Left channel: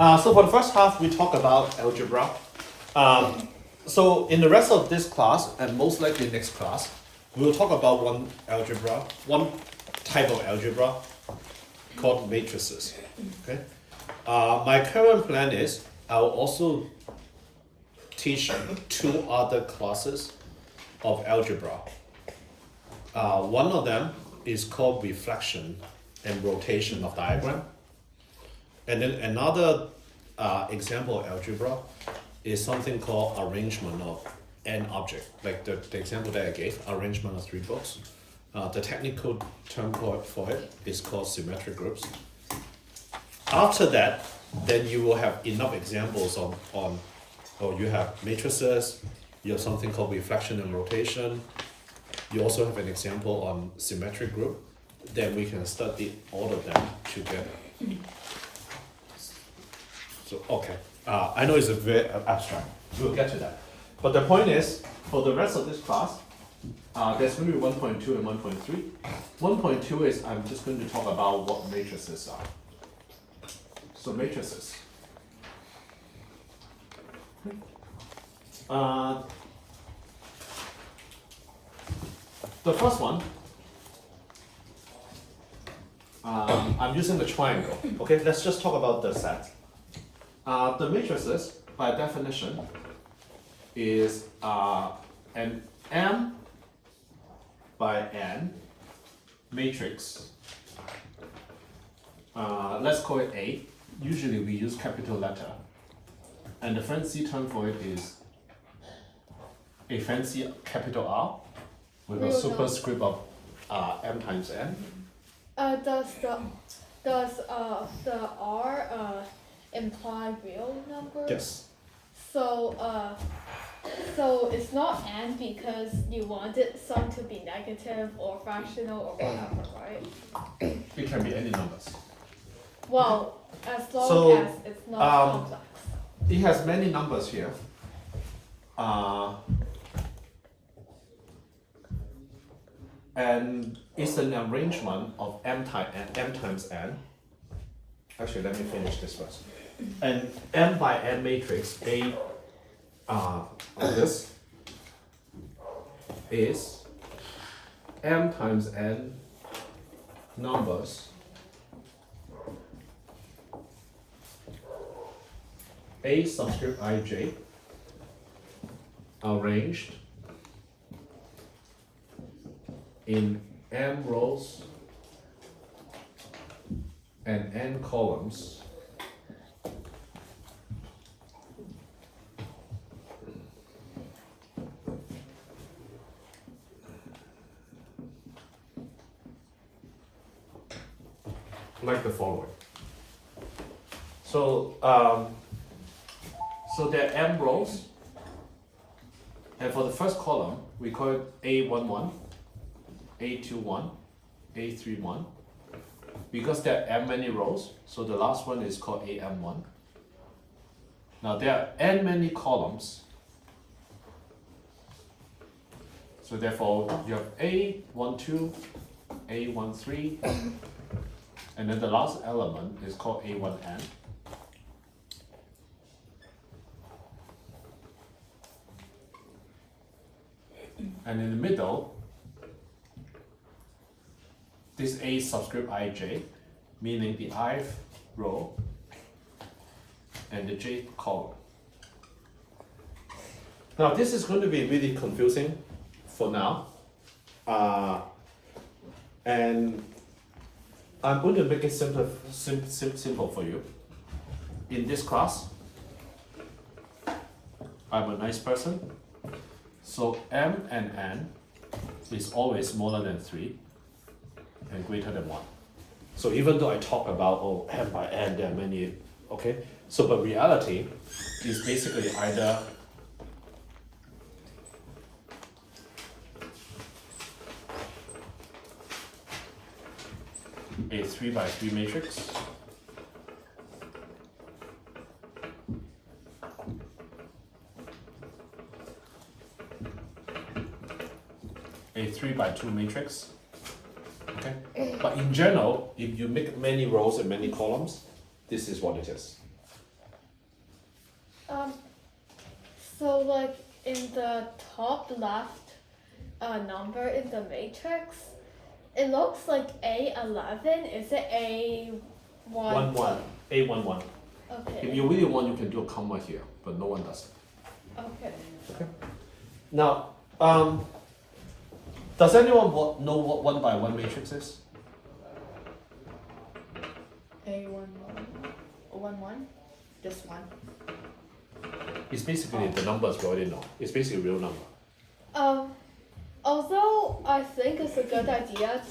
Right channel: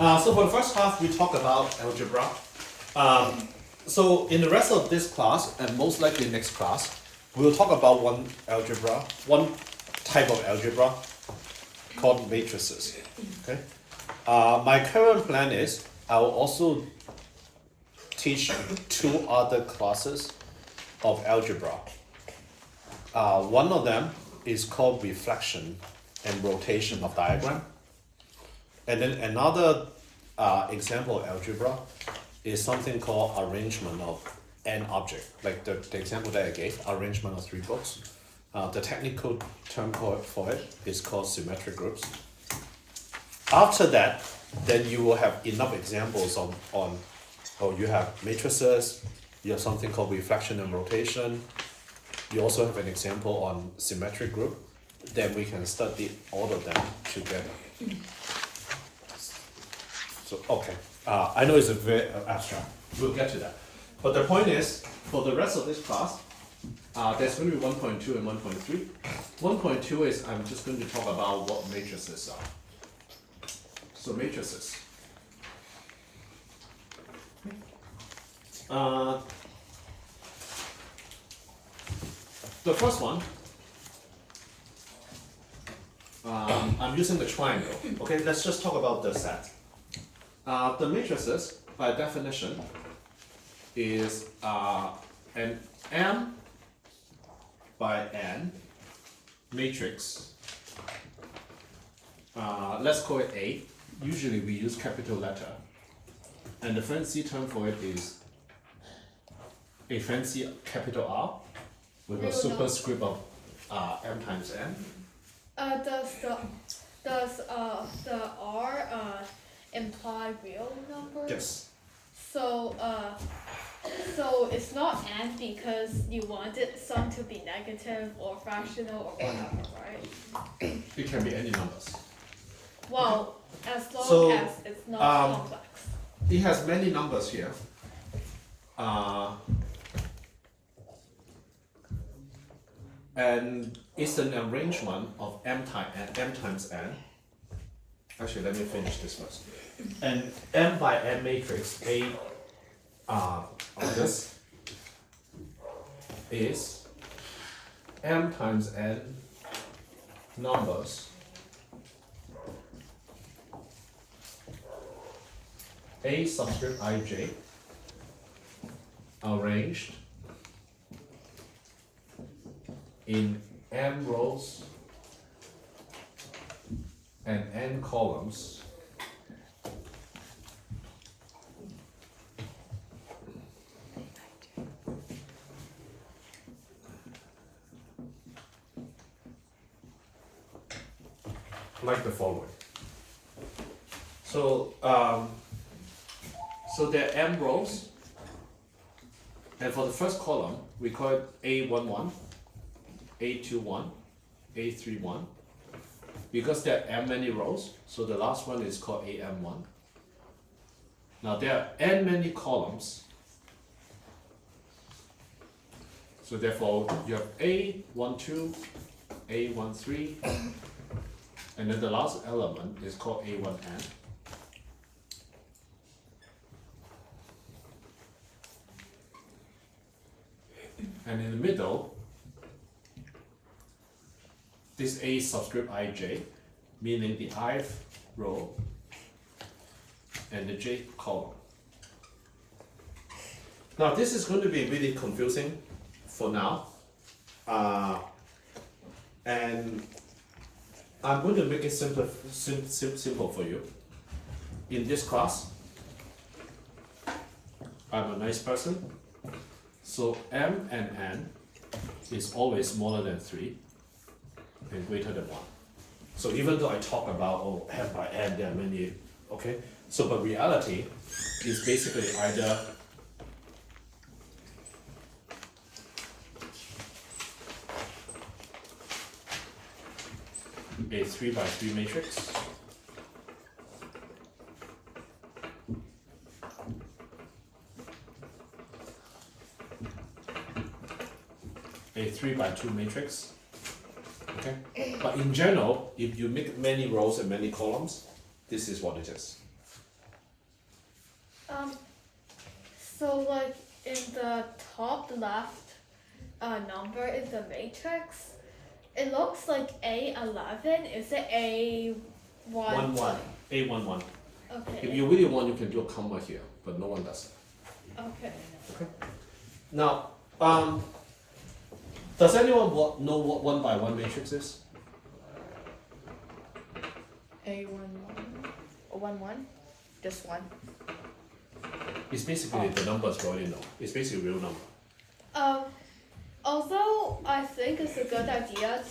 So for the first half, we talk about algebra. So in the rest of this class, and most likely next class, we'll talk about one type of algebra called matrices. Okay. My current plan is I'll also teach two other classes of algebra. One of them is called reflection and rotation of diagram. And then another example of algebra is something called arrangement of an object, like the example that I gave, arrangement of three books. The technical term for it is called symmetric groups. After that, then you will have enough examples you have matrices, you have something called reflection and rotation, you also have an example on symmetric group, then we can study all of them together. So, okay, I know it's a very abstract, we'll get to that. But the point is, for the rest of this class, there's going to be 1.2 and 1.3. 1.2 is I'm just going to talk about what matrices are. So matrices. The first one, I'm using the triangle. Okay, let's just talk about the set. The matrices, by definition, is an M by N matrix. Let's call it A. Usually we use capital letter. And the fancy term for it is a fancy capital R with a superscript of M times N. Does the R imply real numbers? Yes. So it's not n because you wanted some to be negative or fractional or whatever, right? It can be any numbers. Well, as long as it's not complex. It has many numbers here. And it's an arrangement of M times N. Actually, let me finish this first. And M by N matrix A of this is M times N numbers A subscript ij arranged in M rows and N columns like the following. So there are M rows, and for the first column we call it A11, A21, A31. Because there are M many rows, so the last one is called AM1. Now there are N many columns, so therefore you have A12, A13, and then the last element is called A1N. And in the middle, this A subscript ij, meaning the ith row and the j column. Now this is going to be really confusing for now, and I'm going to make it simple for you. In this class, I'm a nice person, so M and N is always smaller than 3 and greater than 1. So even though I talk about M by N, there are many, okay? So but reality is basically either a 3 by 3 matrix, a 3 by 2 matrix, okay? But in general, if you make many rows and many columns, this is what it is. Um, so like in the top left number in the matrix, it looks like A11. Is it A1? 1 1. A1 1. Okay. If you really want, you can do a comma here, but no one does. Okay. Now, does anyone know what 1 by 1 matrix is? A11. Just one. It's basically the numbers we already know. It's basically a real number. Although I think it's a good idea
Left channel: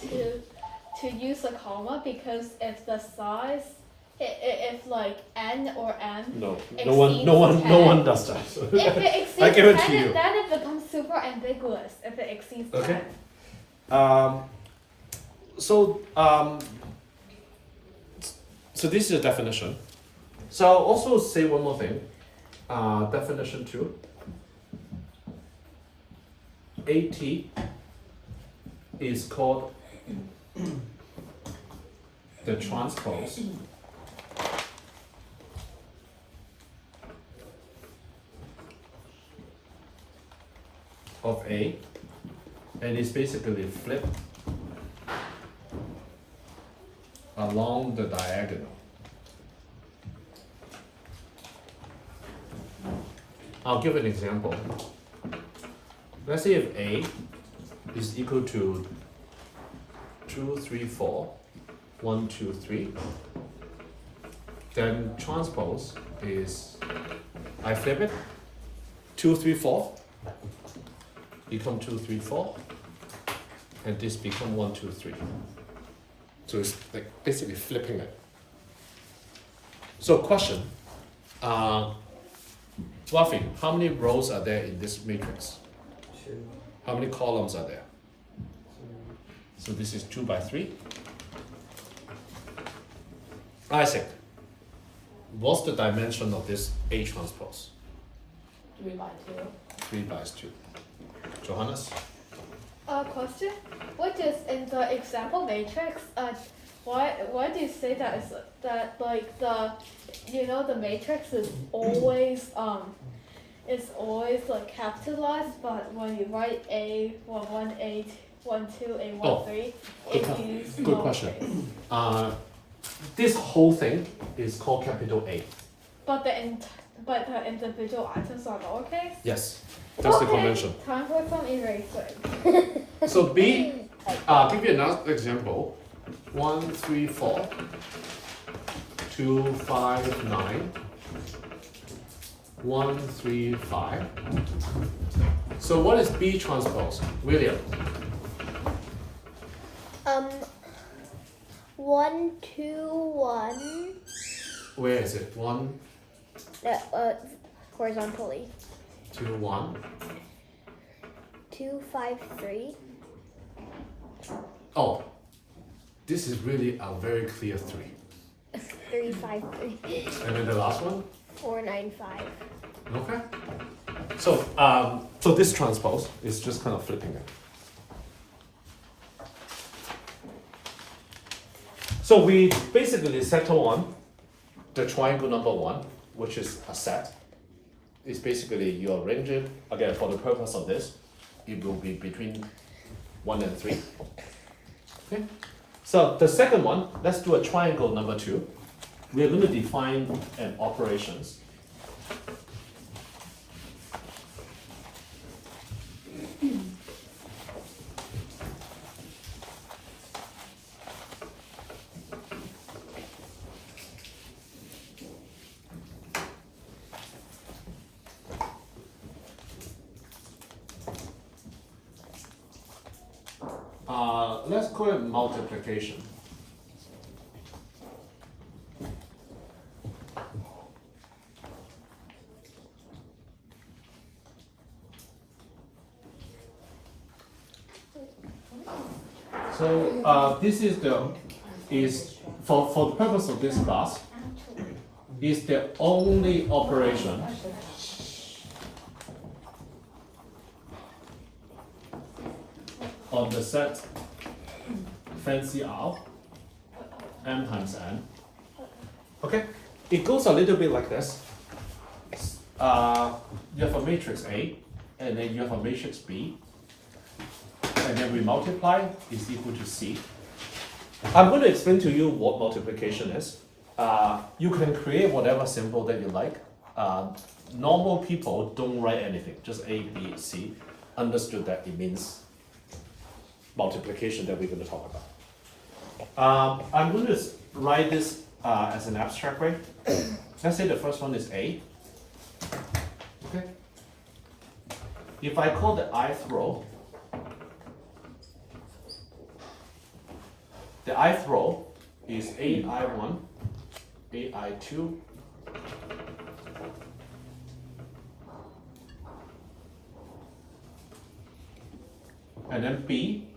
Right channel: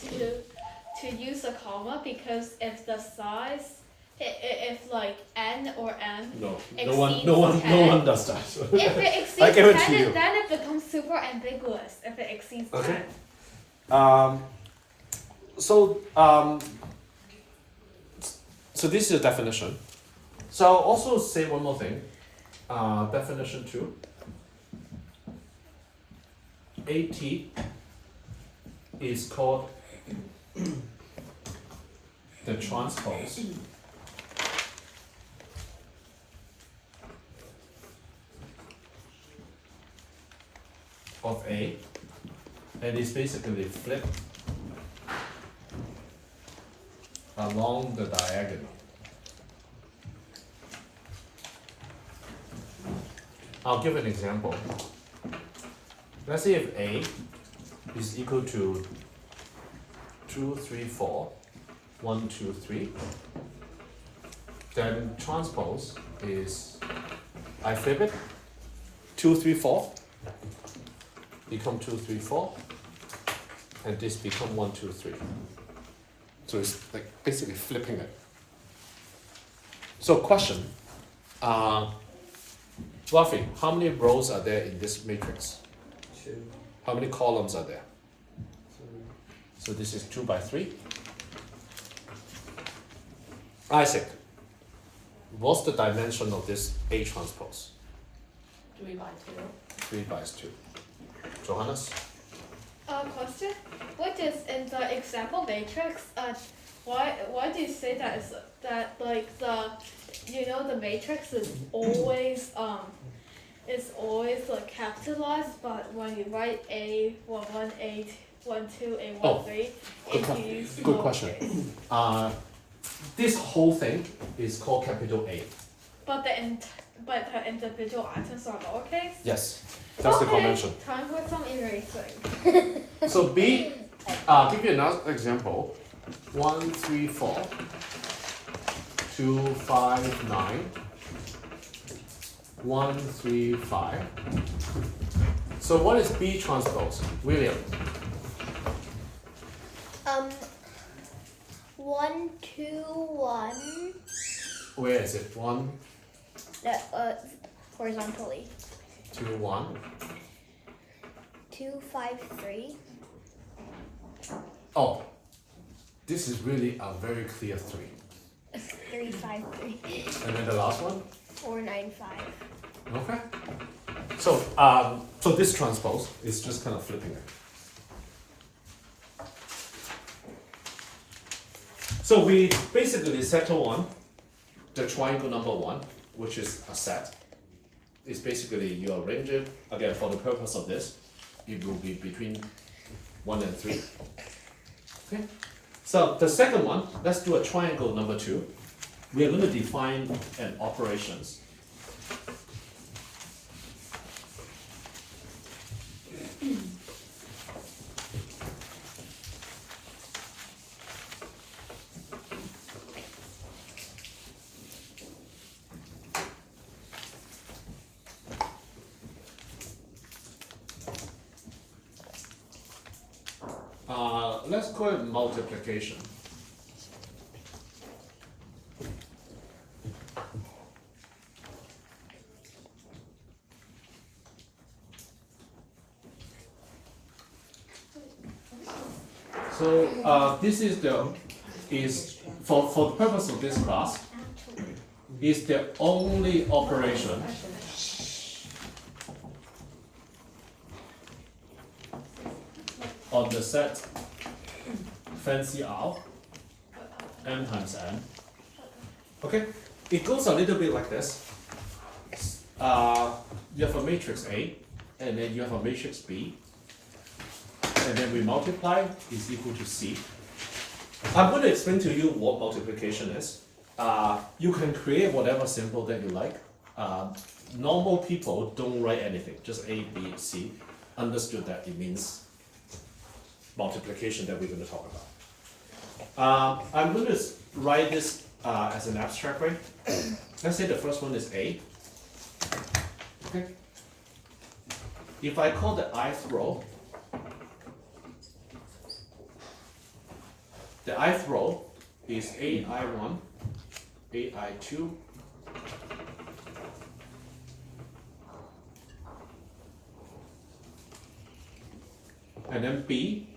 to use a comma because if the size, if like n or m No exceeds one 10, does that. if it exceeds I guarantee 10, you. then it becomes super ambiguous. If it exceeds Okay. 10. So this is a definition. So I'll also say one more thing. Definition 2. AT is called the transpose of A, and it's basically flipped along the diagonal. I'll give an example. Let's say if A is equal to 2, 3, 4, 1, 2, 3, then transpose is, I flip it, 2, 3, 4, become 2, 3, 4, and this become 1, 2, 3. So it's like basically flipping it. So question, Rafi, how many rows are there in this matrix? 2. How many columns are there? 3. So this is 2 by 3. Isaac, what's the dimension of this A transpose? 3 by 2. 3 by 2. Johannes? Question. What is in the example matrix? Why do you say that is that like the the matrix is always like capitalized, but when you write A11, A12, A13, it's Good question. This whole thing is called capital A. But the individual items are lowercase. Yes, that's the convention. Time for some erasing. So B, give you another example. 1, 3, 4, 2, 5, 9, 1, 3, 5. So what is B transpose? William? 1, 2, 1. Where is it? 1, Horizontally. 2, 1. 2, 5, 3. Oh, this is really a very clear 3. 3, 5, 3. And then the last one? 4, 9, 5. Okay. So, so this transpose is just kind of flipping it. So we basically settle on the triangle number 1, which is a set. It's basically you arrange it, again, for the purpose of this, it will be between 1 and 3. Okay. So the second one, let's do a triangle number 2. We are going to define an operations. Let's call it multiplication. So this is for the purpose of this class is the only operation on the set fancy R m times n. Okay, it goes a little bit like this. you have a matrix A, and then you have a matrix B, and then we multiply is equal to C. I'm going to explain to you what multiplication is. You can create whatever symbol that you like. Normal people don't write anything, just A, B, C. Understood that it means Multiplication that we're going to talk about. I'm going to write this as an abstract, right? let's say the first one is A. Okay. If I call the ith row, the ith row is AI1, AI2, and then B,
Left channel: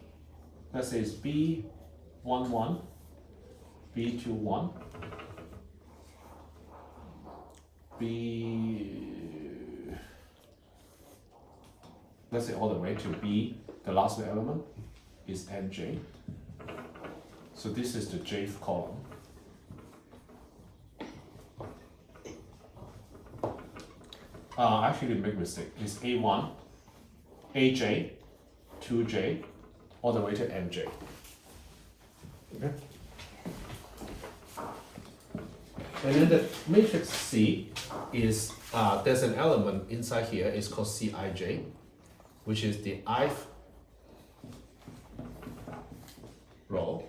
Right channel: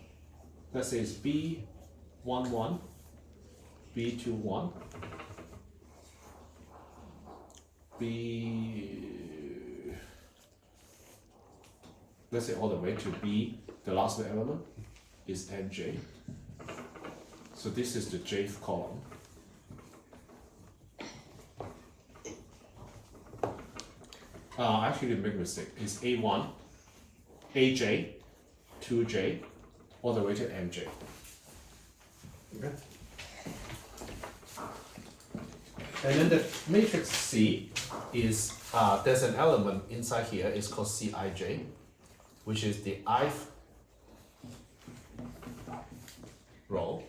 let's say it's B11, B21, let's say all the way to B, the last element is NJ. So this is the jth column. Actually, make a mistake. It's A1, AJ, 2J, all the way to MJ. Okay. And then the matrix C is, there's an element inside here, it's called Cij, which is the ith row,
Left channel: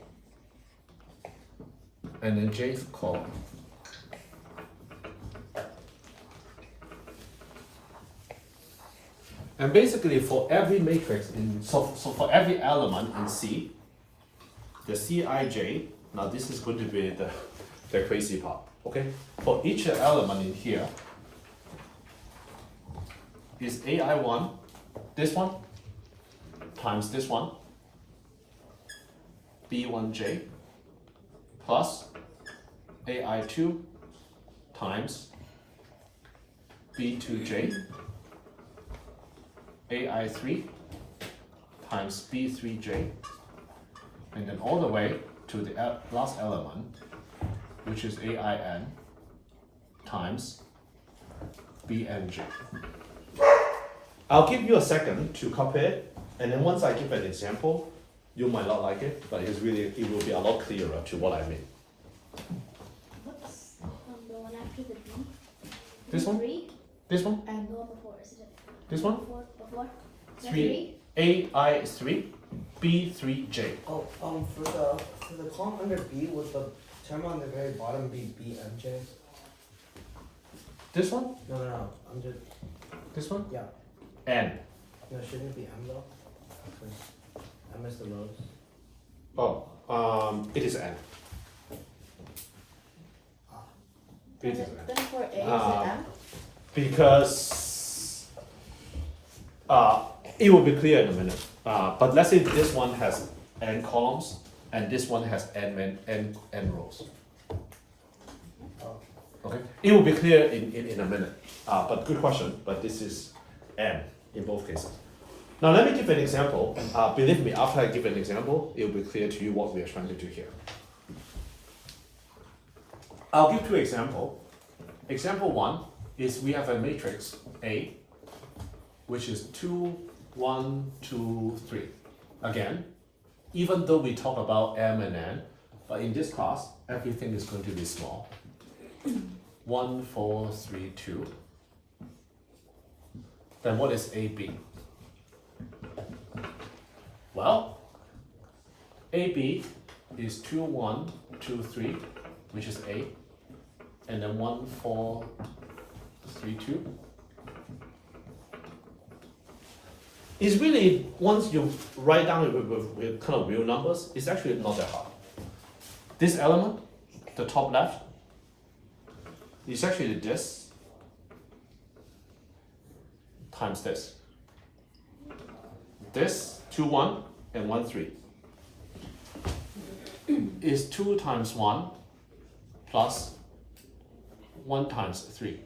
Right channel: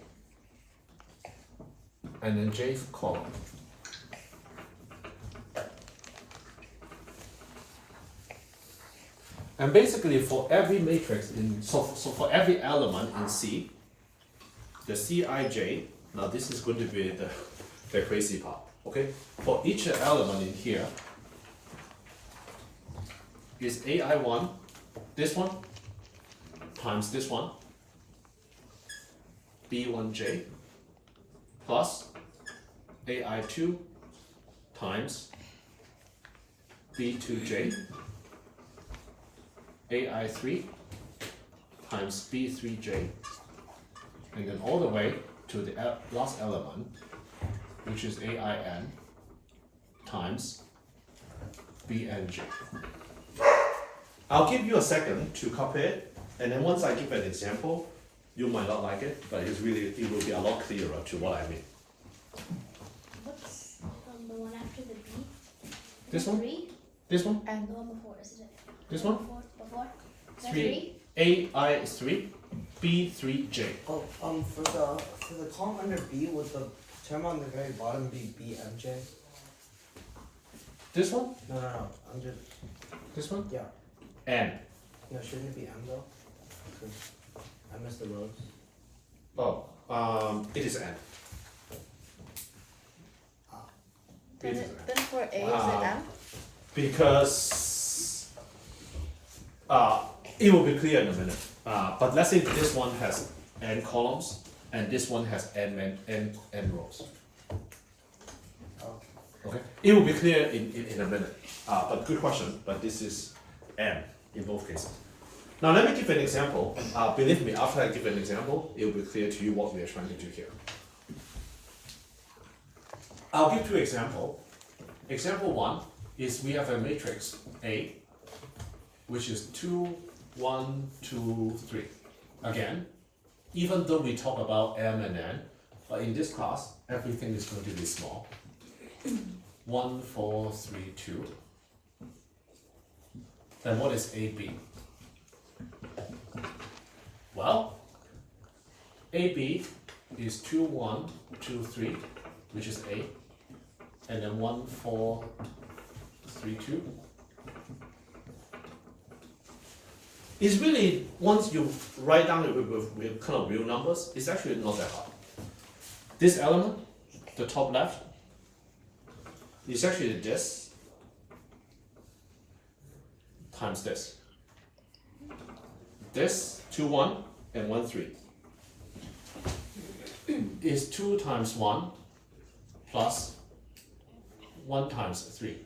and then jth column. And basically for every matrix so for every element in C, the Cij, now this is going to be the crazy part, okay? For each element in here is AI1, this one, times this one, B1J, plus AI2 times B2J, AI3 times B3J, and then all the way to the last element, which is AIN times BNJ. I'll give you a second to copy it, and then once I give an example, you might not like it, but it will be a lot clearer to what I mean. What's the one after the B? This one? 3? This one? And the one before, isn't it? This one? Before? Is that 3. AI3, B3J. Oh, for the column under B, would the term on the very bottom be BMJ? This one? No. Under, This one? yeah. N. No, shouldn't it be M though? Because M is the rows. Oh, it is N. It is N. Then for A, is Um, it M? Because it will be clear in a minute. But let's say this one has n columns and this one has n rows. Oh. Okay, it will be clear in a minute. But good question. But this is n in both cases. Now let me give an example. Believe me, after I give an example, it will be clear to you what we are trying to do here. I'll give two examples. Example one is we have a matrix A, which is 2, 1, 2, 3. Again, even though we talk about M and N, but in this class, everything is going to be small. 1, 4, 3, 2. Then what is AB? Well, AB is 2, 1, 2, 3, which is A, and then 1, 4, 3, 2. It's really, once you write down with kind of real numbers, it's actually not that hard. This element, the top left, is actually this times this. This 2, 1 and 1, 3 is 2 times 1 plus 1 times 3.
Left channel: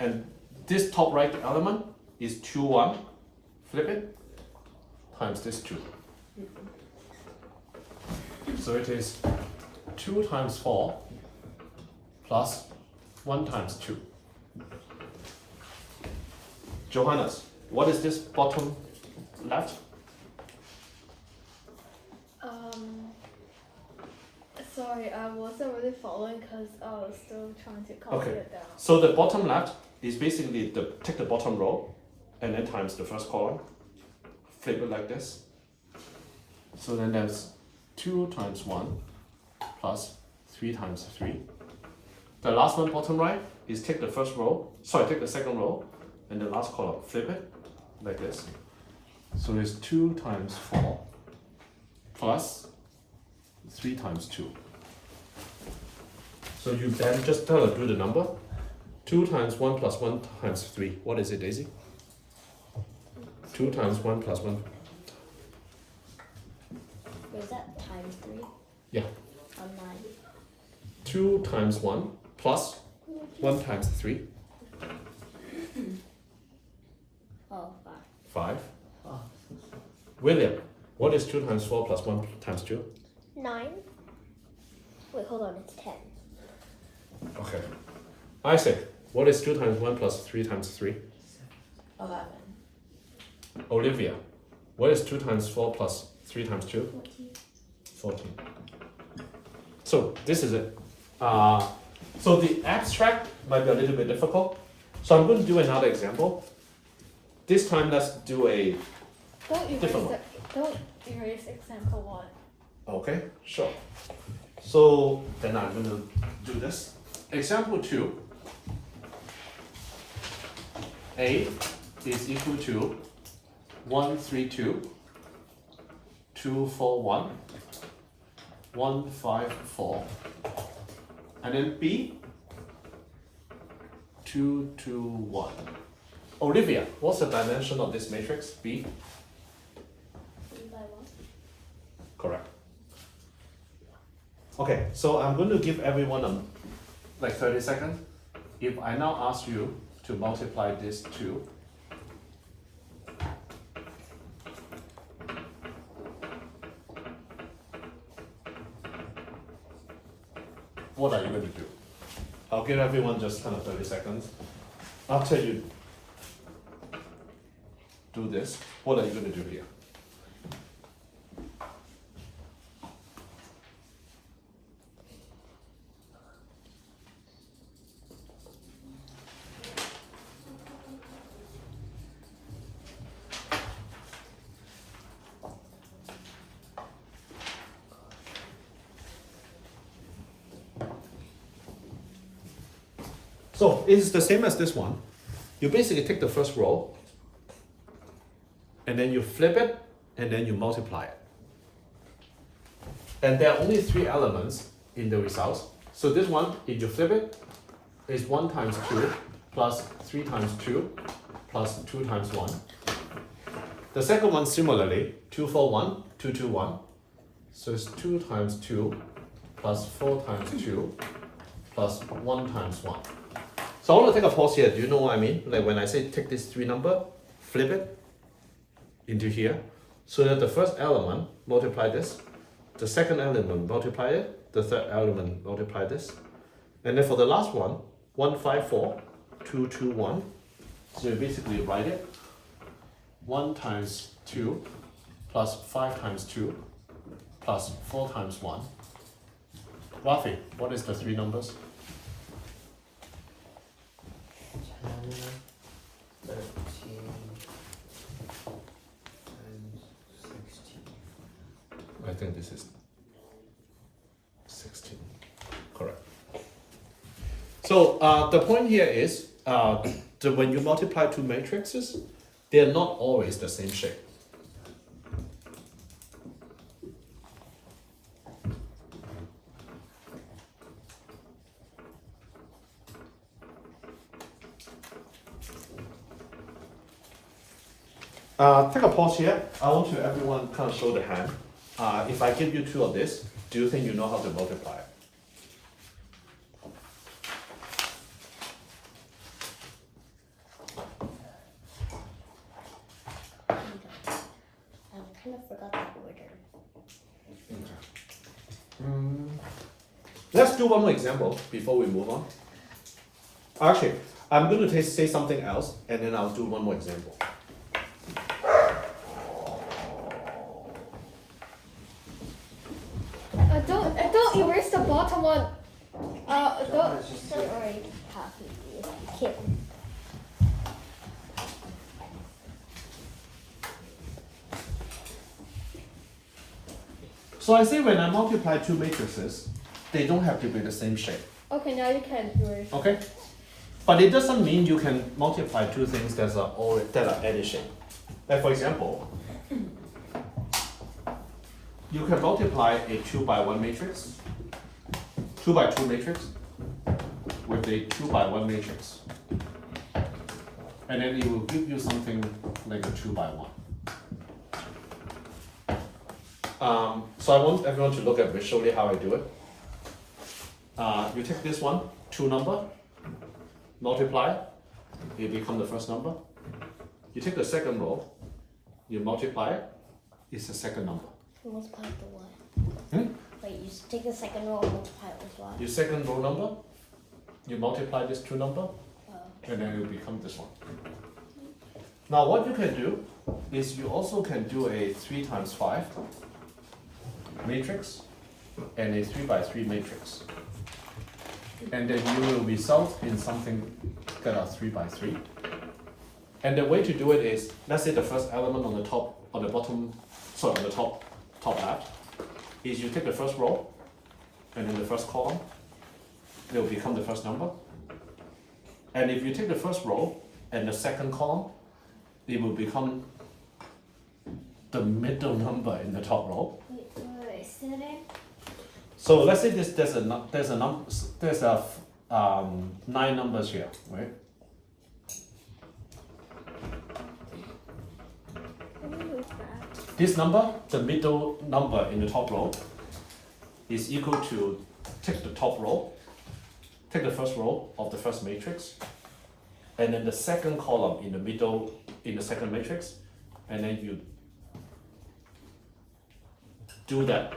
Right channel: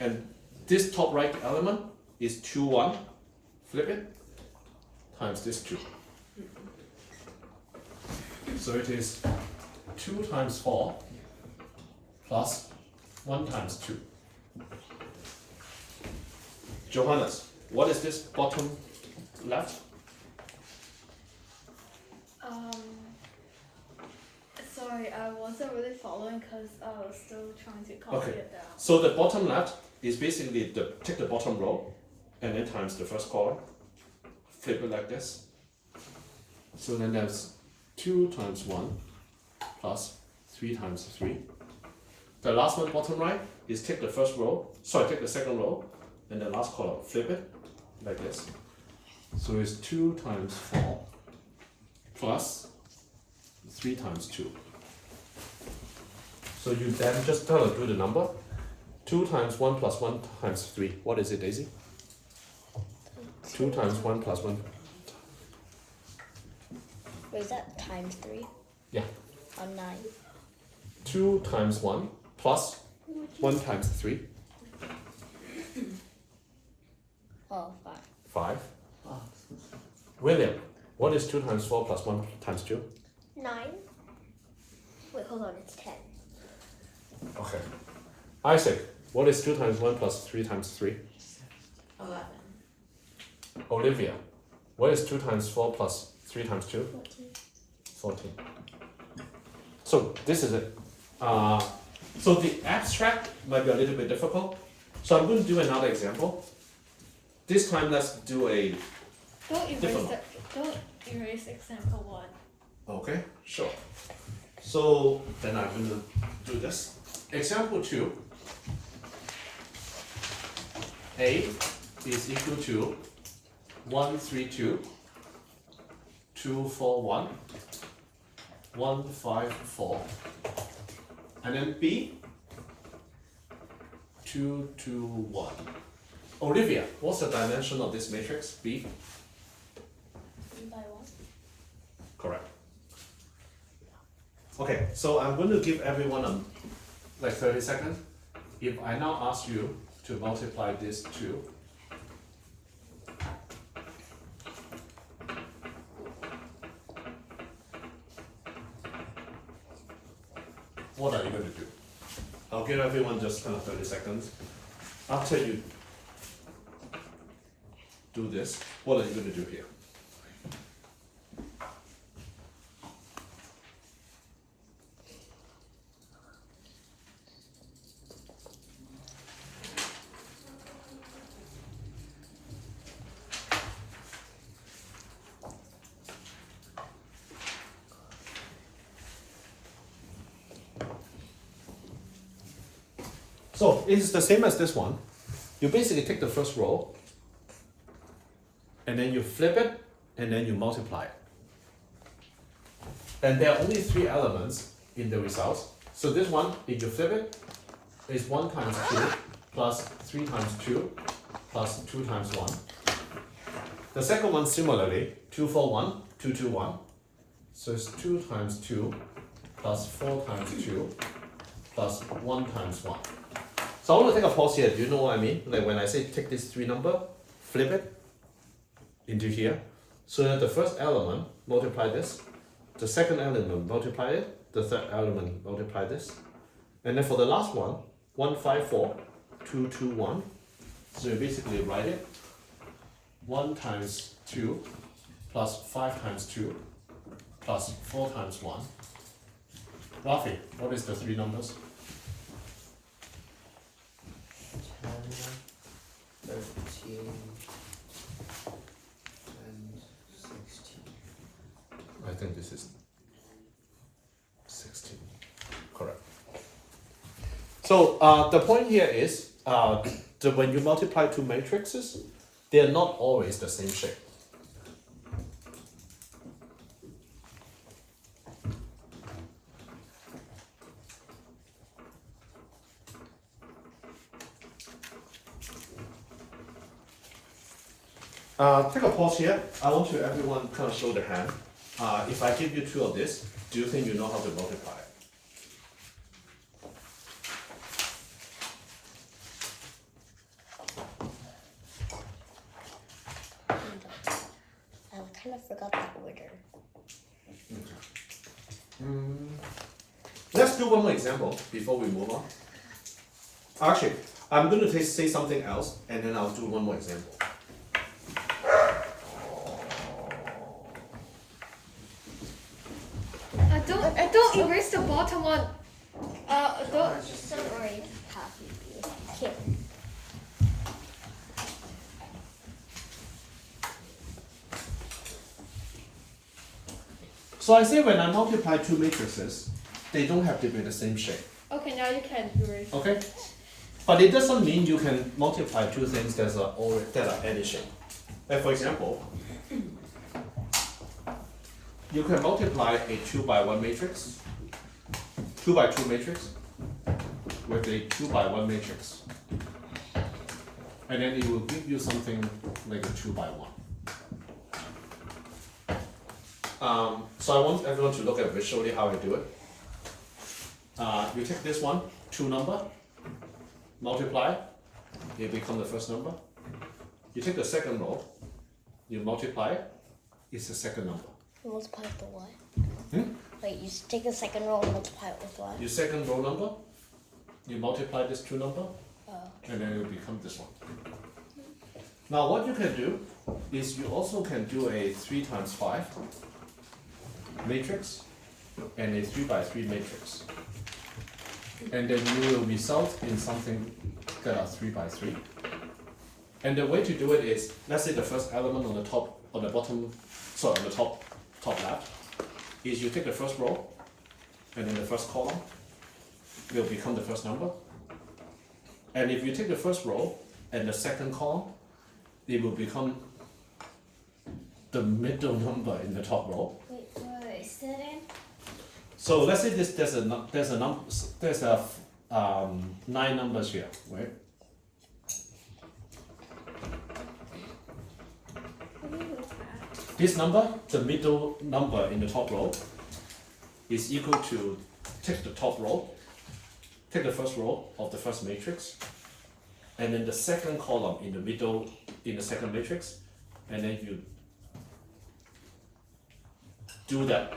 And this top right element is 2, 1, flip it, times this 2. So it is 2 times 4 plus 1 times 2. Johannes, what is this bottom left? Sorry, I wasn't really following because I was still trying to copy Okay. it down. So the bottom left is basically take the bottom row and then times the first column. Flip it like this. So then there's 2 times 1 plus 3 times 3. The last one bottom right is take the take the second row and the last column, flip it like this. So it's 2 times 4 plus 3 times 2. So you then just do the number. 2 times 1 plus 1 times 3. What is it, Daisy? 2 times 1 plus 1. Was that times 3? Yeah. On 9. 2 times 1 plus 1 times 3. Oh, 5. 5. William, what is 2 times 4 plus 1 times 2? 9. Wait, hold on, it's 10. Okay. Isaac, what is 2 times 1 plus 3 times 3? 11. Olivia, what is 2 times 4 plus 3 times 2? 14. 14. So this is it. So the abstract might be a little bit difficult. So I'm going to do another example. This time let's do a different one. Don't erase example 1. Okay, sure. So then I'm going to do this. Example 2. A is equal to 1, 3, 2, 2, 4, 1, 1, 5, 4. And then B, 2, 2, 1. Olivia, what's the dimension of this matrix? B? 3 by 1. Correct. Okay, so I'm going to give everyone like 30 seconds. If I now ask you to multiply this 2, what are you going to do? I'll give everyone just kind of 30 seconds. After you do this, what are you going to do here? So it's the same as this one. You basically take the first row, and then you flip it, and then you multiply it. And there are only 3 elements in the results. So this one, if you flip it, is 1 times 2 plus 3 times 2 plus 2 times 1. The second one similarly, 2, 4, 1, 2, 2, 1. So it's 2 times 2 plus 4 times 2 plus 1 times 1. So I want to take a pause here. Do you know what I mean? Like when I say take this 3 number, flip it into here, so that the first element multiply this, the second element multiply it, the third element multiply this, and then for the last one, 1, 5, 4, 2, 2, 1. So you basically write it 1 times 2 plus 5 times 2 plus 4 times 1. Rafi, what is the 3 numbers? 10, 13, and 16. I think this is 16. Correct. So the point here is when you multiply 2 matrices, they are not always the same shape. Take a pause here. I want to everyone kind of show the hand. If I give you 2 of this, do you think you know how to multiply it? I kind of forgot the order. Let's do one more example before we move on. Actually, I'm going to say something else, and then I'll do one more example. Don't erase the bottom one. Don't. Don't worry, copy you. Here. So I say when I multiply two matrices, they don't have to be the same shape. Okay, now you can erase. Okay? But it doesn't mean you can multiply two things that are any shape. Like for example, you can multiply a 2 by 1 matrix, 2 by 2 matrix, with a 2 by 1 matrix. And then it will give you something like a 2 by 1. So I want everyone to look at visually how I do it. You take this one, 2 number, multiply, it becomes the first number. You take the second row, you multiply it, it's the second number. Multiply with the what? Hmm? Wait, you take the second row and multiply it with what? Your second row number, you multiply this 2 number, Oh. and then it will become this one. Now what you can do is you also can do a 3 times 5 matrix and a 3 by 3 matrix. And then you will result in something that are 3 by 3. And the way to do it is, let's say the first element on the top, on the bottom, sorry, on the top left, is you take the first row, and then the first column will become the first number. And if you take the first row and the second column, it will become the middle number in the top row. Wait, say that in? So let's say there's 9 numbers here, right? This number, the middle number in the top row, is equal to take the top row, take the first row of the first matrix, and then the second column in the middle in the second matrix, and then you do that.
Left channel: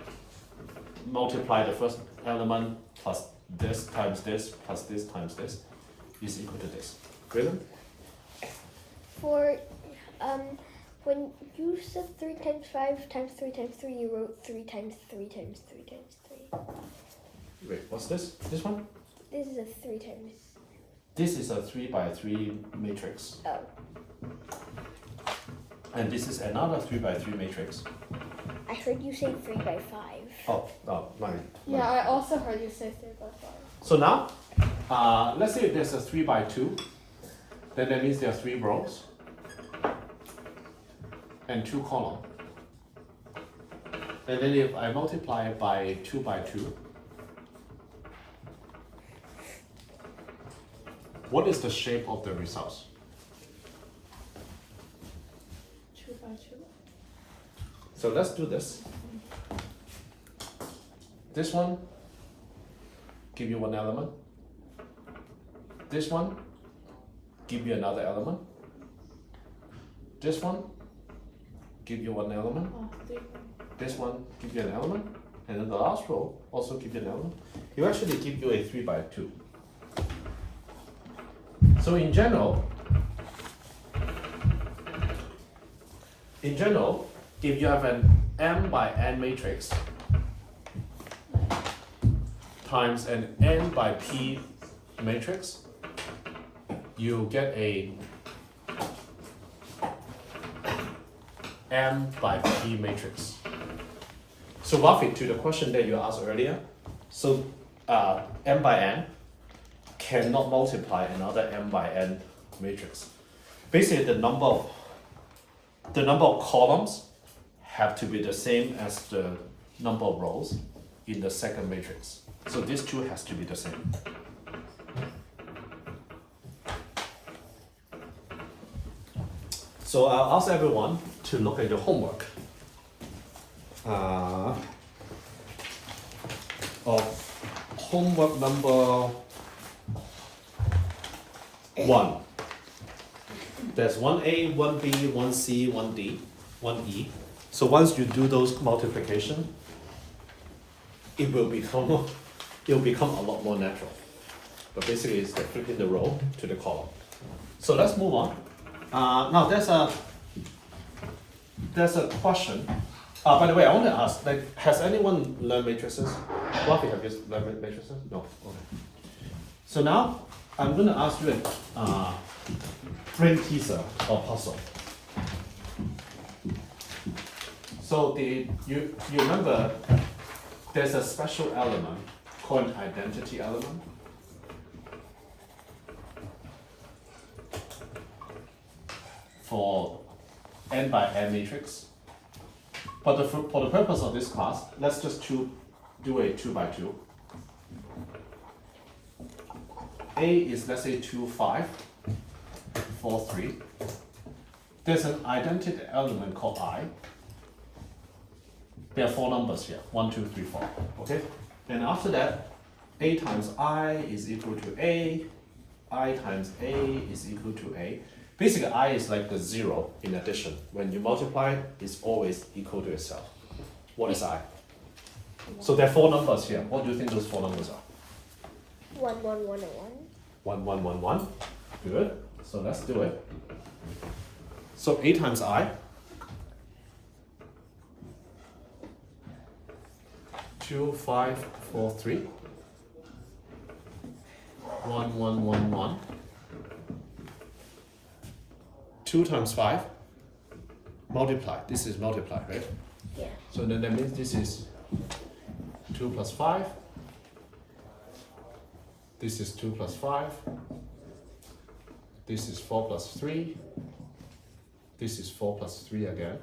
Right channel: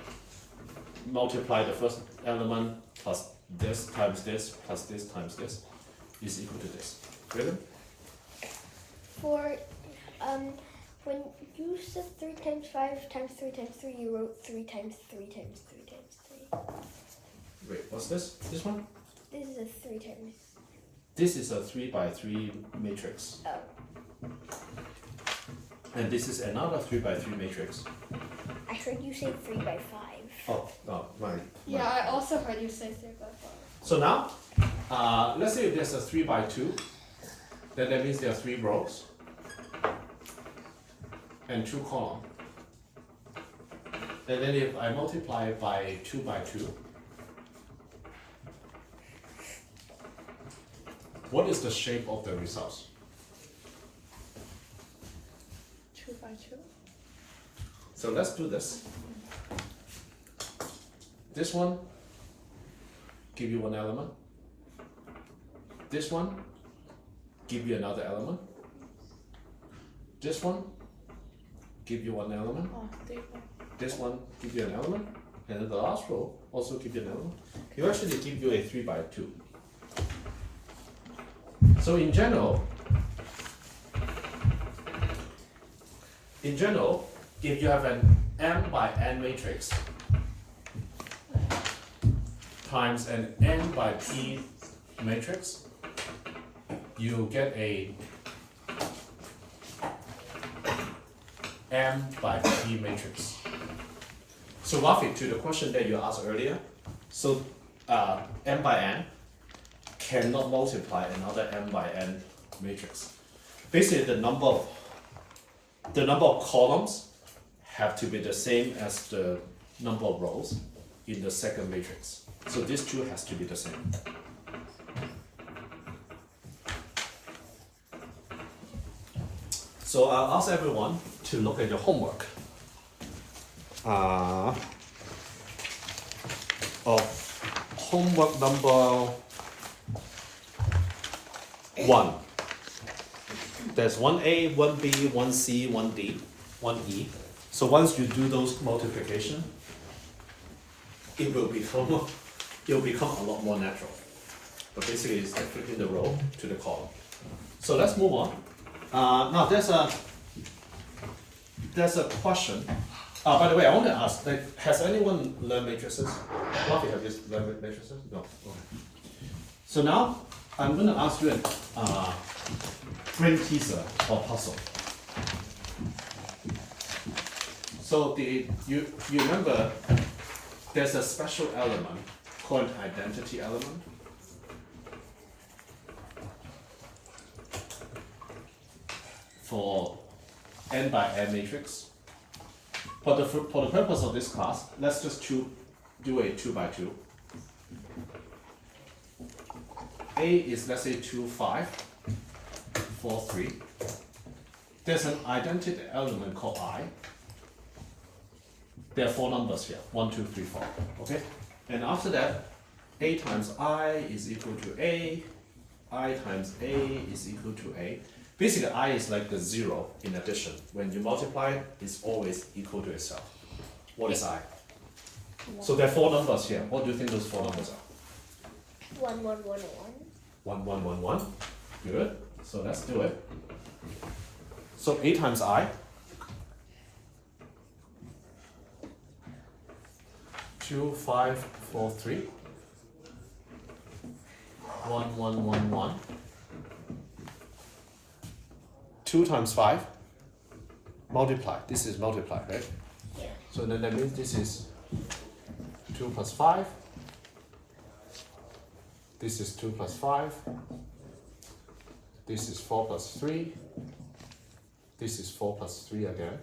Multiply the first element plus this times this plus this times this is equal to this. Really? For when you said 3 times 5 times 3 times 3, you wrote 3 times 3 times 3 times 3. Wait, what's this? This one? This is a 3 times. This is a 3 by 3 matrix. Oh, And this is another 3 by 3 matrix. I heard you say 3 by 5. Oh, no, mine. Yeah, I also heard you say 3 by 5. So now, let's say there's a 3 by 2, then that means there are 3 rows and 2 columns. And then if I multiply by 2 by 2, what is the shape of the results? 2 by 2. So let's do this. This one give you one element. This one give you another element. This one give you one element. Oh, 3 by This one give you an element. And then the last row also give you an element. You actually give you a 3 by 2. So in general, if you have an m by n matrix times an n by p matrix, you get a m by p matrix. So Rafi, to the question that you asked earlier, so m by n cannot multiply another m by n matrix. Basically, the number of columns have to be the same as the number of rows in the second matrix. So this two has to be the same. So I'll ask everyone to look at your homework. Homework number 1. There's 1A, 1B, 1C, 1D, 1E. So once you do those multiplication, it will become a lot more natural. but basically it's like flipping the row to the column. So let's move on. Now there's a question. By the way, I want to ask, like, has anyone learned matrices? Lucky, have you learned matrices? No. Okay. So now I'm going to ask you a brain teaser or puzzle. So you remember there's a special element called an identity element. For n by n matrix. But for the purpose of this class, let's just do a 2 by 2. A is, let's say, 2, 5, 4, 3. There's an identity element called I. There are 4 numbers here, 1, 2, 3, 4, okay? And after that, A times I is equal to A, I times A is equal to A. Basically, I is like the 0 in addition. When you multiply, it's always equal to itself. What is I? So there are 4 numbers here. What do you think those 4 numbers are? 1, 1, 1, and 1. 1, 1, 1, 1. Good. So let's do it. So A times I. 2, 5, 4, 3. 1, 1, 1, 1. 2 times 5. Multiply. This is multiply, right? Yeah. So then that means this is 2 plus 5. This is 2 plus 5. This is 4 plus 3. This is 4 plus 3 again.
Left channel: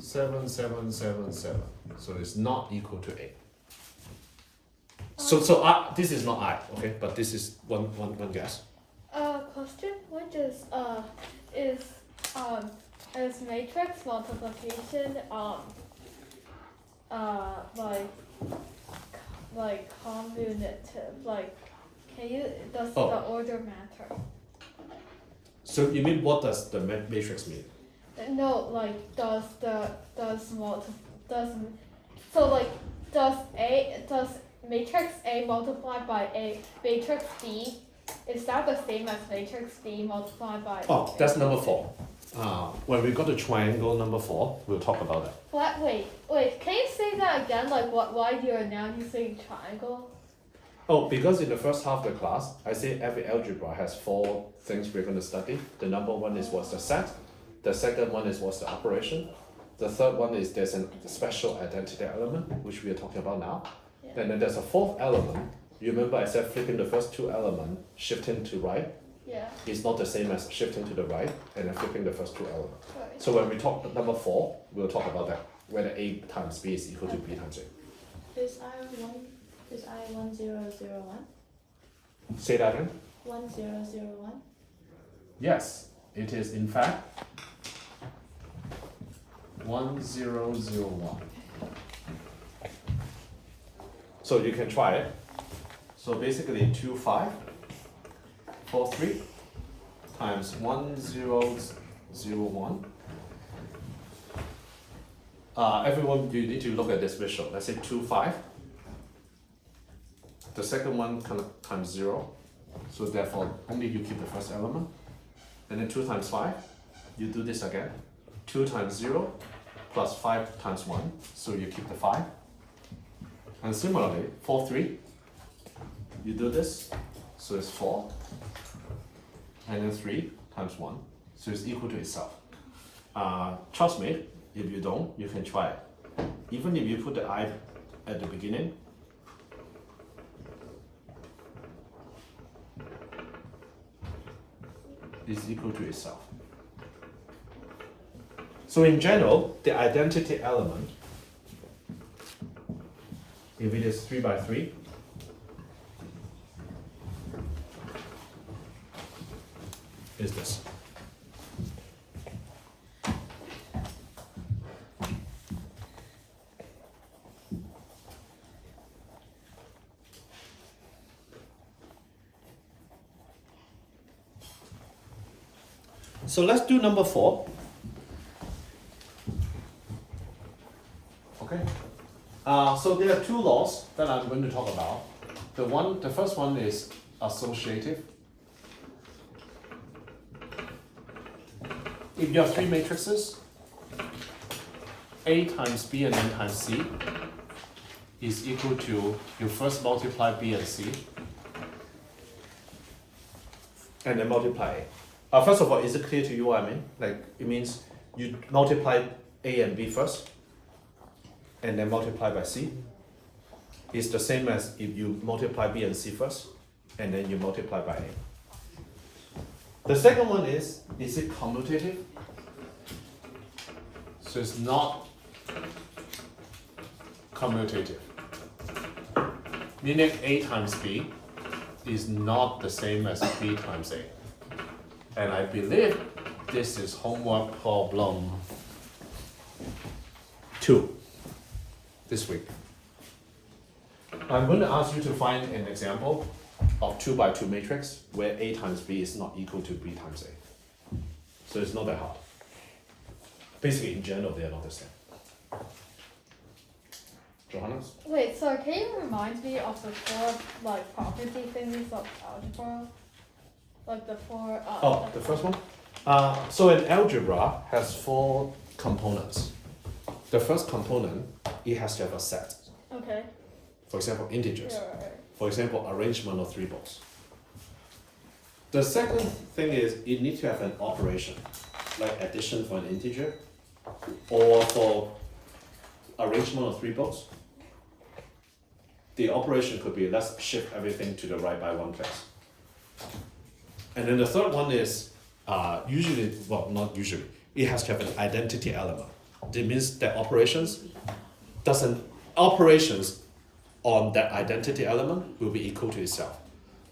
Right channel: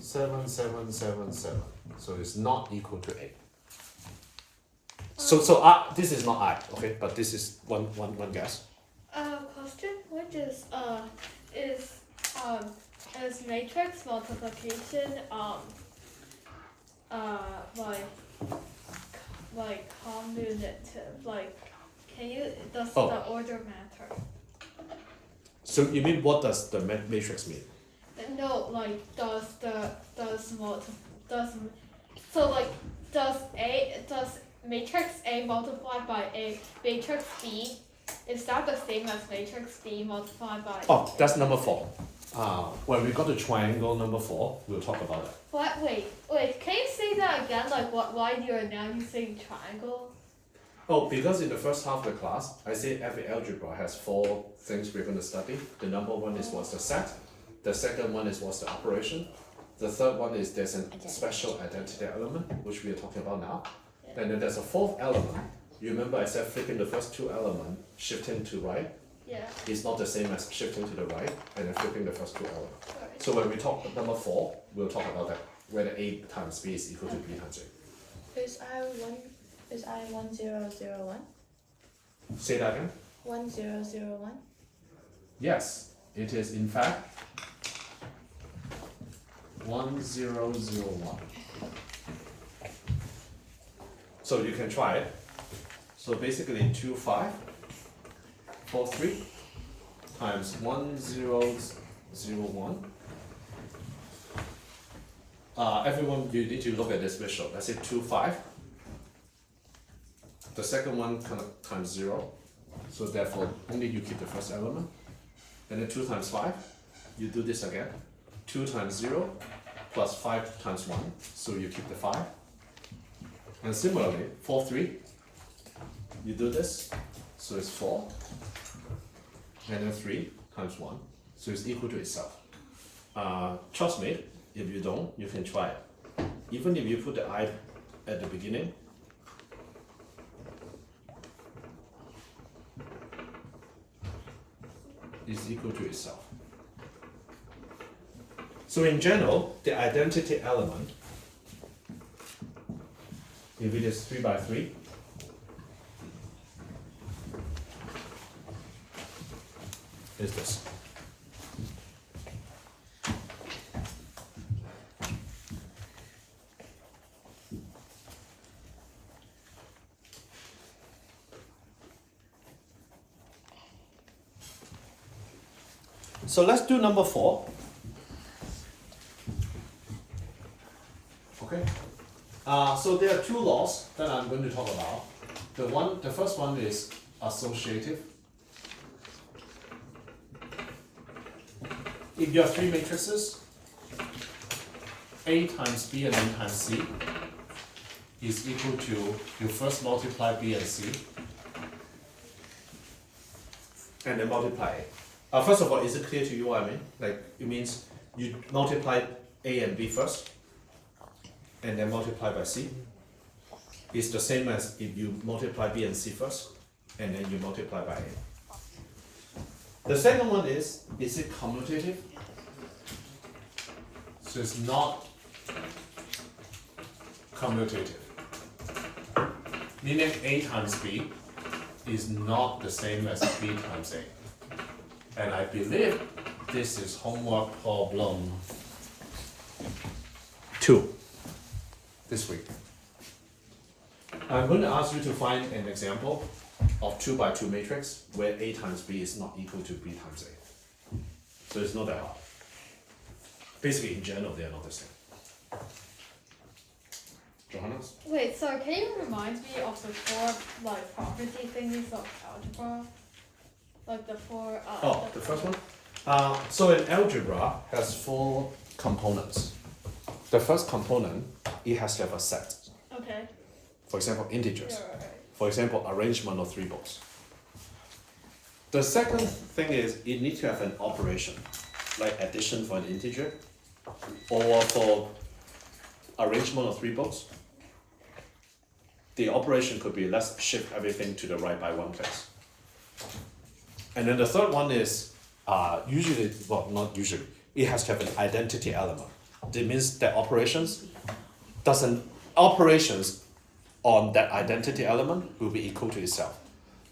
7, 7, 7, 7. So it's not equal to 8. So this is not I, okay? But this is one guess. Question: What is matrix multiplication like commutative? Like, does Oh. the order matter? So you mean what does the matrix mean? No, like does matrix A multiplied by a matrix B, is that the same as matrix B multiplied by? Oh, that's number 4. When we got the triangle number 4, we'll talk about that. Wait, can you say that again? Like why you're now using triangle? Oh, because in the first half of the class, I say every algebra has 4 things we're going to study. The number 1 is what's the set. The second one is what's the operation. The third one is there's a special identity element, which we are talking about now. Yeah. And then there's a 4th element. You remember I said flipping the first 2 elements, shifting to right, Yeah. is not the same as shifting to the right and then flipping the first 2 elements. Right. So when we talk number 4, we'll talk about that, whether A times B is equal to B times A. Is I 1001? Say that again? 1001? Yes, it is in fact 1001. So you can try it. So basically 2, 5, 4, 3 times 1001. Everyone, you need to look at this visual. Let's say 2, 5. The second one kind of times 0. So therefore, only you keep the first element. And then 2 times 5, you do this again. 2 times 0 plus 5 times 1, so you keep the 5. And similarly, 4, 3, you do this, so it's 4. And then 3 times 1, so it's equal to itself. Trust me, if you don't, you can try it. Even if you put the I at the beginning, is equal to itself. So in general, the identity element, if it is 3 by 3, is this. So let's do number 4. Okay. So there are two laws that I'm going to talk about. The first one is associative. If you have three matrices, A times B and B times C is equal to, you first multiply B and C, and then multiply A. First of all, is it clear to you what I mean? Like, it means you multiply A and B first, and then multiply by C. It's the same as if you multiply B and C first, and then you multiply by A. The second one is it commutative? So it's not commutative. Meaning A times B is not the same as B times A. And I believe this is homework problem 2 this week. I'm going to ask you to find an example of 2 by 2 matrix where A times B is not equal to B times A. So it's not that hard. Basically, in general, they are not the same. Johannes? Wait, so can you remind me of the four like property things of algebra? Like the four. The first one? So an algebra has 4 components. The first component, it has to have a set. Okay. For example, integers. Right. For example, arrangement of 3 balls. The second thing is it needs to have an operation, like addition for an integer, or for arrangement of 3 balls. The operation could be let's shift everything to the right by 1 place. And then the third one is usually, well, not usually, it has to have an identity element. That means that operations on that identity element will be equal to itself.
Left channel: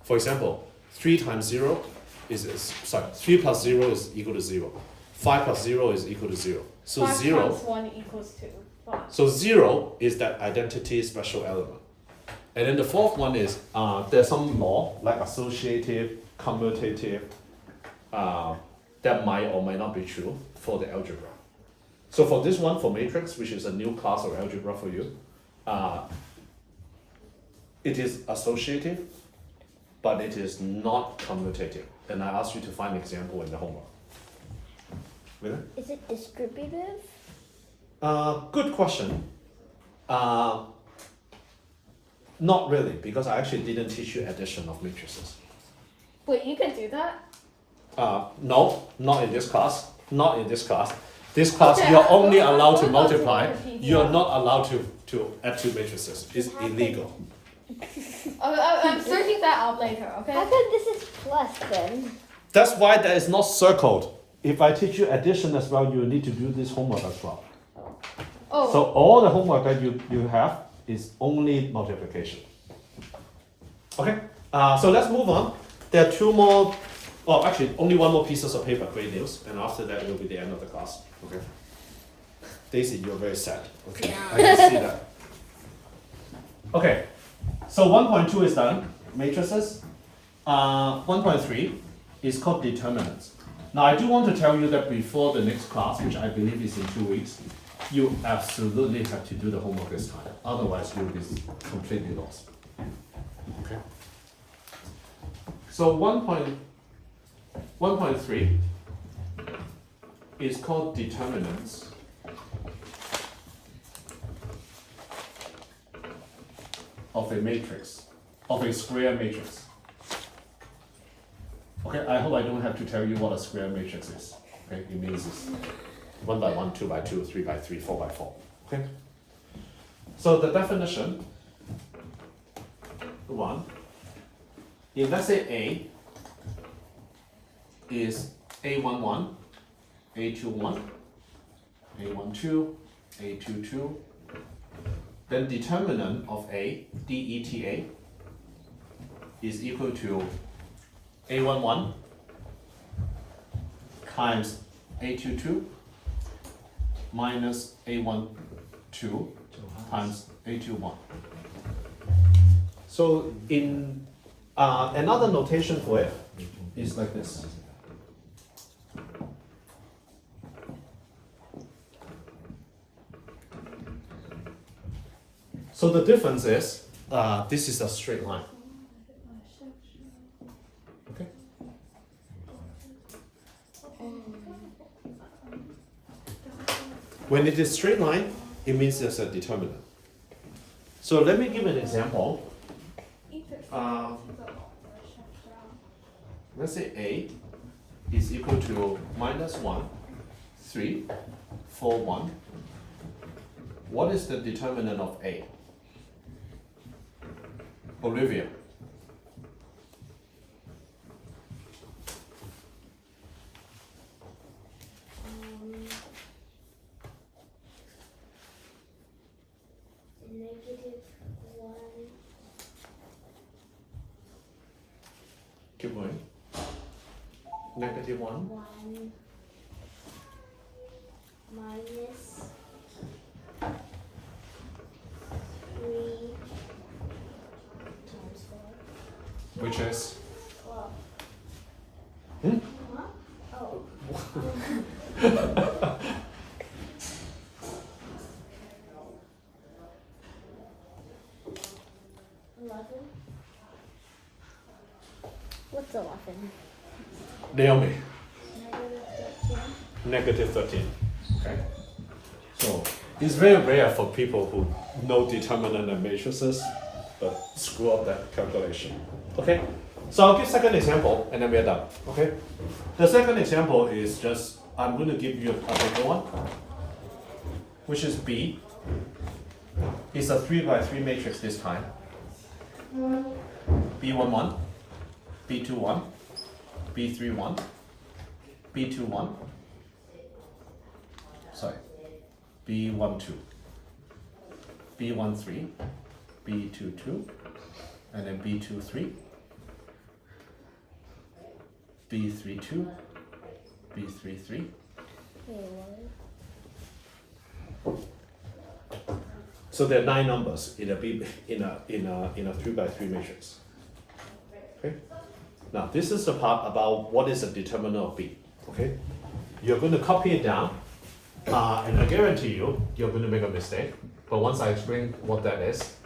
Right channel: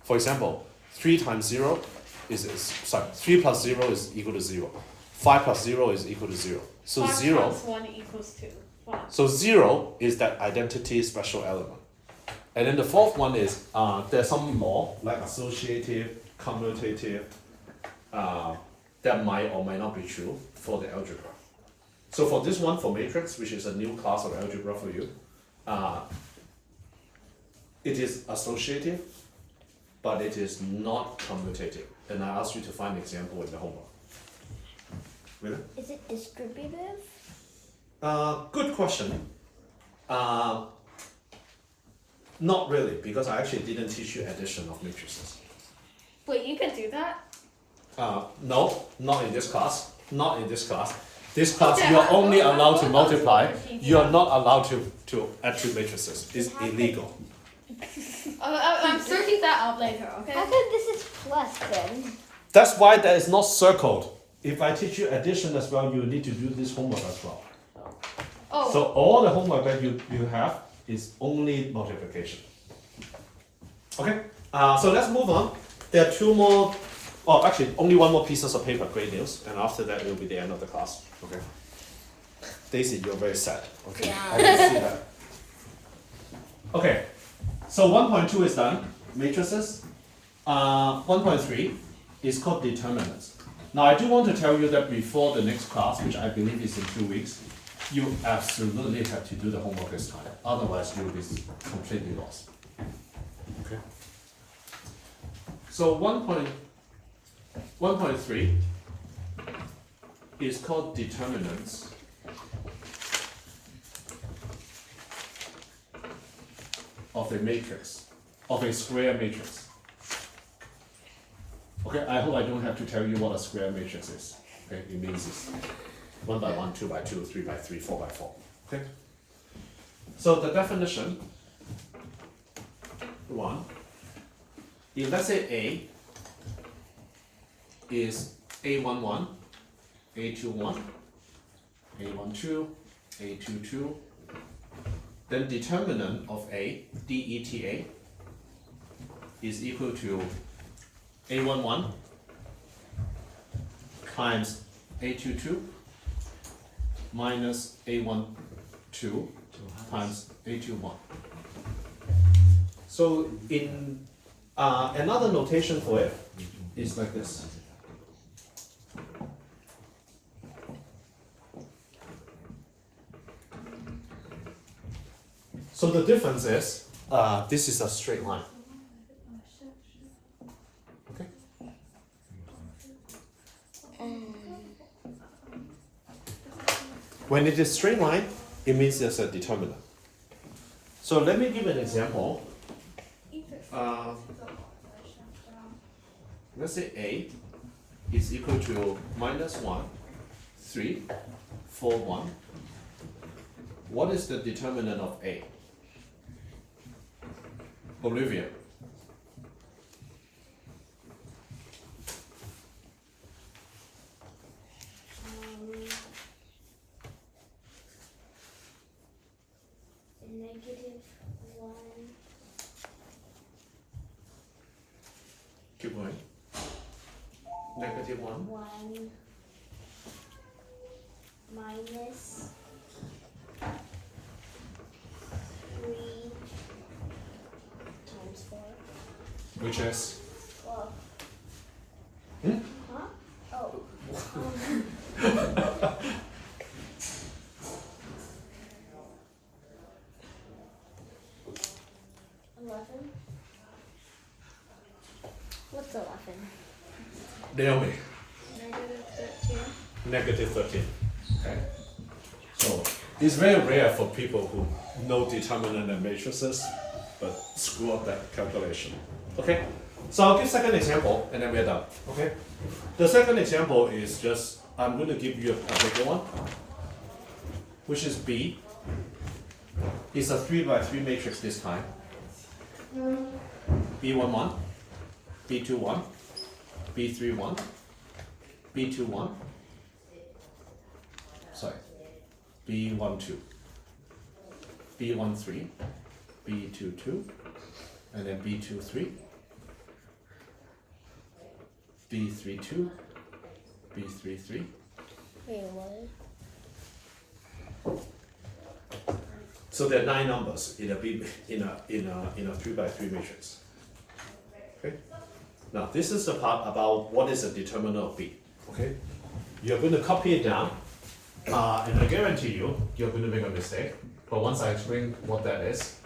For example, 3 times 0 3 plus 0 is equal to 0. 5 plus 0 is equal to 0. So 5 0. times 1 equals 2. 1. So 0 is that identity special element. And then the fourth one is there's some law like associative, commutative, that might or might not be true for the algebra. So for this one, for matrix, which is a new class of algebra for you, it is associative, but it is not commutative. And I asked you to find an example in the homework. Really? Is it distributive? Good question. Not really, because I actually didn't teach you addition of matrices. Wait, you can do that? No, not in this class. Not in this class. This class, Okay, you're only I'll allowed to go multiply. to the You're not allowed to add 2 matrices. It's illegal. I'm searching that out later, okay? How come this is plus then? That's why that is not circled. If I teach you addition as well, you need to do this homework as well. Oh, So all the homework that you have is only multiplication. Okay, so let's move on. There are 2 more, actually only 1 more pieces of paper, great news, and after that it will be the end of the class. Okay. Daisy, you're very sad. Okay, I can see that. Okay, so 1.2 is done, matrices. 1.3 is called determinants. Now I do want to tell you that before the next class, which I believe is in 2 weeks, you absolutely have to do the homework this time. Otherwise, you'll be completely lost. Okay. So 1.3 is called determinants of a matrix, of a square matrix. Okay, I hope I don't have to tell you what a square matrix is. Okay, it means it's 1 by 1, 2 by 2, 3 by 3, 4 by 4. Okay? So the definition, 1, if let's say A is A11, A21, A12, A22, then determinant of A, DETA, is equal to A11 times A22 minus A12 times A21. So in another notation for it is like this. So So the difference is, this is a straight line. Okay. When it is straight line, it means there's a determinant. So let me give an example. Let's say A is equal to -1, 3, 4, 1. What is the determinant of A? Olivia. -1. Keep going. -1. 1 minus 3 times 4. Which is? Well, Hmm? huh? Oh. 11. What's 11? Naomi. Negative 13. -13. Okay. So it's very rare for people who know determinant and matrices, but screw up that calculation. Okay. So I'll give second example and then we're done. Okay. The second example is just I'm going to give you a bigger one, which is B. It's a 3 by 3 matrix this time. B11, B21, B31, B21. Sorry, B12, B13, B22, and then B23, B32, B33. Wait, what? So there are 9 numbers in a B in a 3 by 3 matrix. Okay. Now this is the part about what is the determinant of B. Okay. You're going to copy it down, and I guarantee you you're going to make a mistake. But once I explain what that is,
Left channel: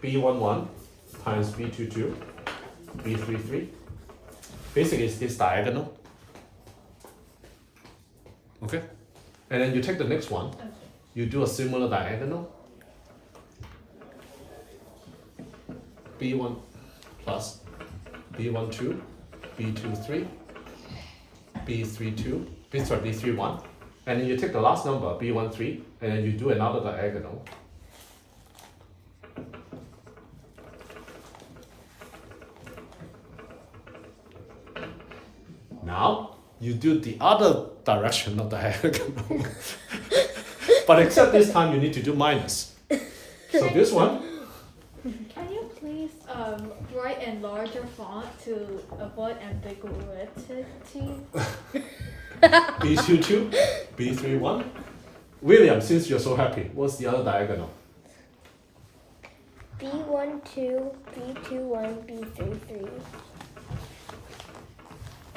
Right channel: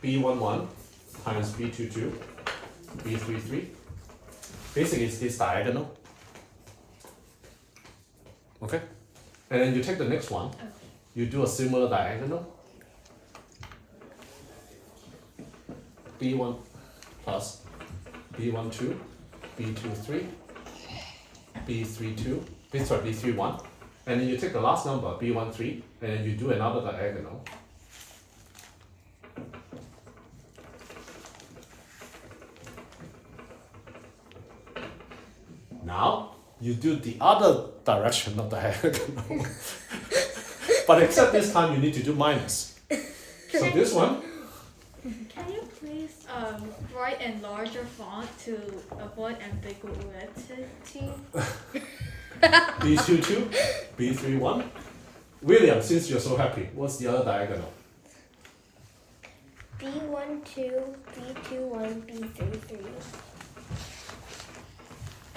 B11 times B22, B33. Basically, it's diagonal. Okay. And then you take the next one, you do a similar diagonal. B1 plus B12, B23, B32, B31, and then you take the last number, B13, and then you do another diagonal. Now, you do the other direction of the diagonal. But except this time you need to do minus. So this one, Can you please write in larger font to avoid ambiguity? B22, B31. William, since you're so happy, what's the other diagonal? B12, B21, B33.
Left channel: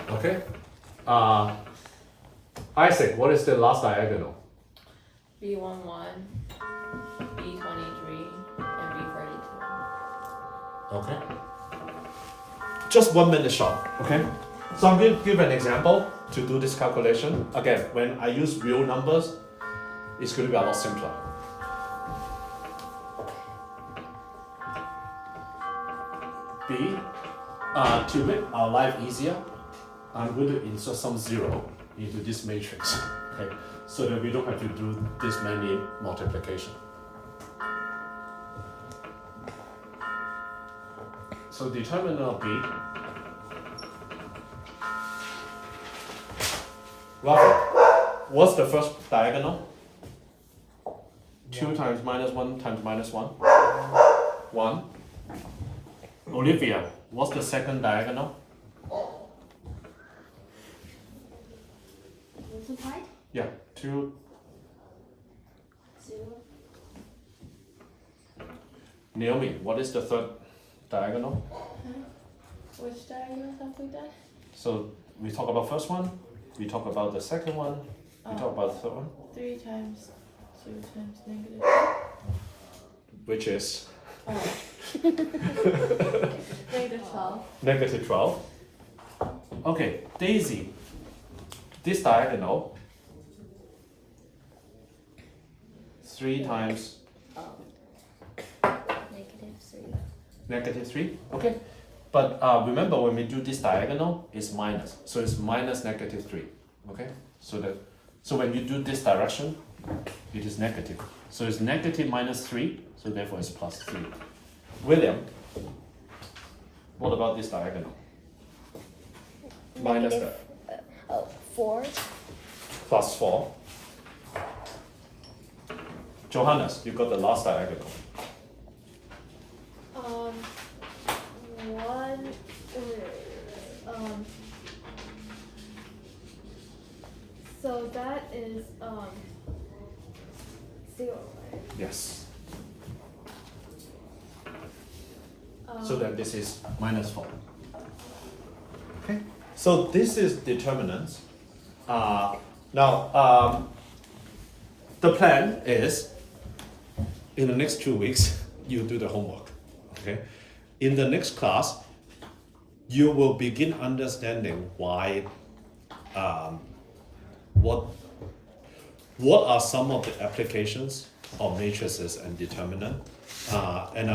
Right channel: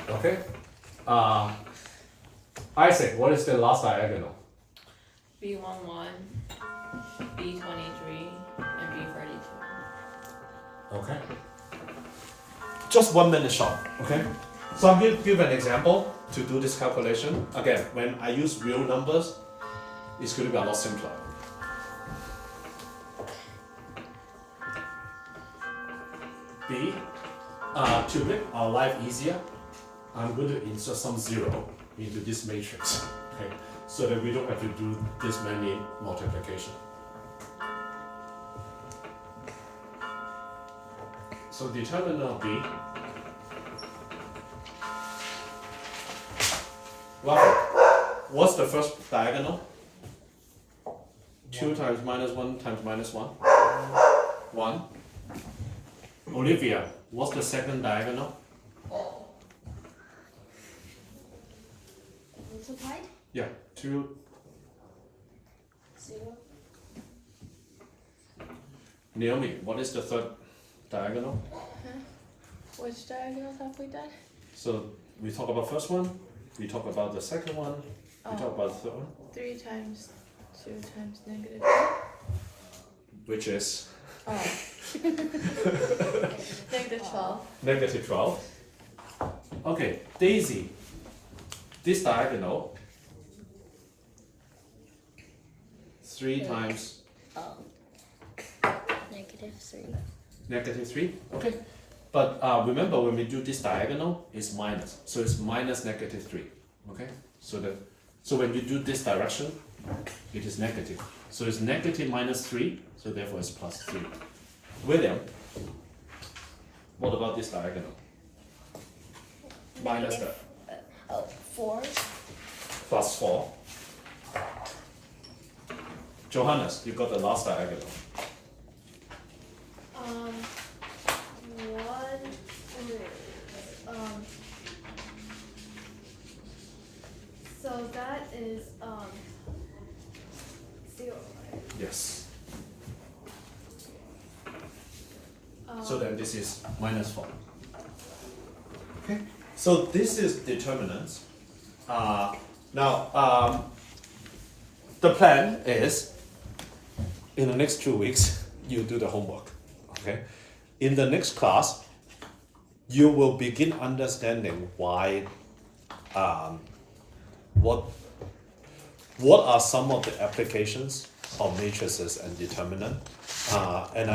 Okay. Isaac, what is the last diagonal? B11, B23, and B32. Okay. Just 1 minute short, okay? So I'm going to give an example to do this calculation. Again, when I use real numbers, it's going to be a lot simpler. B, to make our life easier, I'm going to insert some 0 into this matrix, okay? So that we don't have to do this many multiplication. So determinant of B. Rafa, what's the first diagonal? 2 times -1 times -1? 1. Olivia, what's the second diagonal? Multiplied? Yeah, 2. 0. Naomi, what is the third diagonal? Which diagonals have we done? So we talk about first one, we talk about the second one, we talk about the third one. 3 times 2 times negative. which is Oh. Negative 12. negative 12. Okay, Daisy, this diagonal 3 times -3. negative 3, okay? But remember when we do this diagonal, it's minus, so it's minus negative 3, okay? So when you do this direction, it is negative. So it's negative minus 3, so therefore it's plus 3. William, what about this diagonal? Minus Negative, 4. plus 4. Johannes, you got the last diagonal. One so that is 0. Yes. So then this is minus 4. Okay. So this is determinants. Now, the plan is in the next 2 weeks, you do the homework. Okay. In the next class, you will begin understanding why, what are some of the applications of matrices and determinant, and I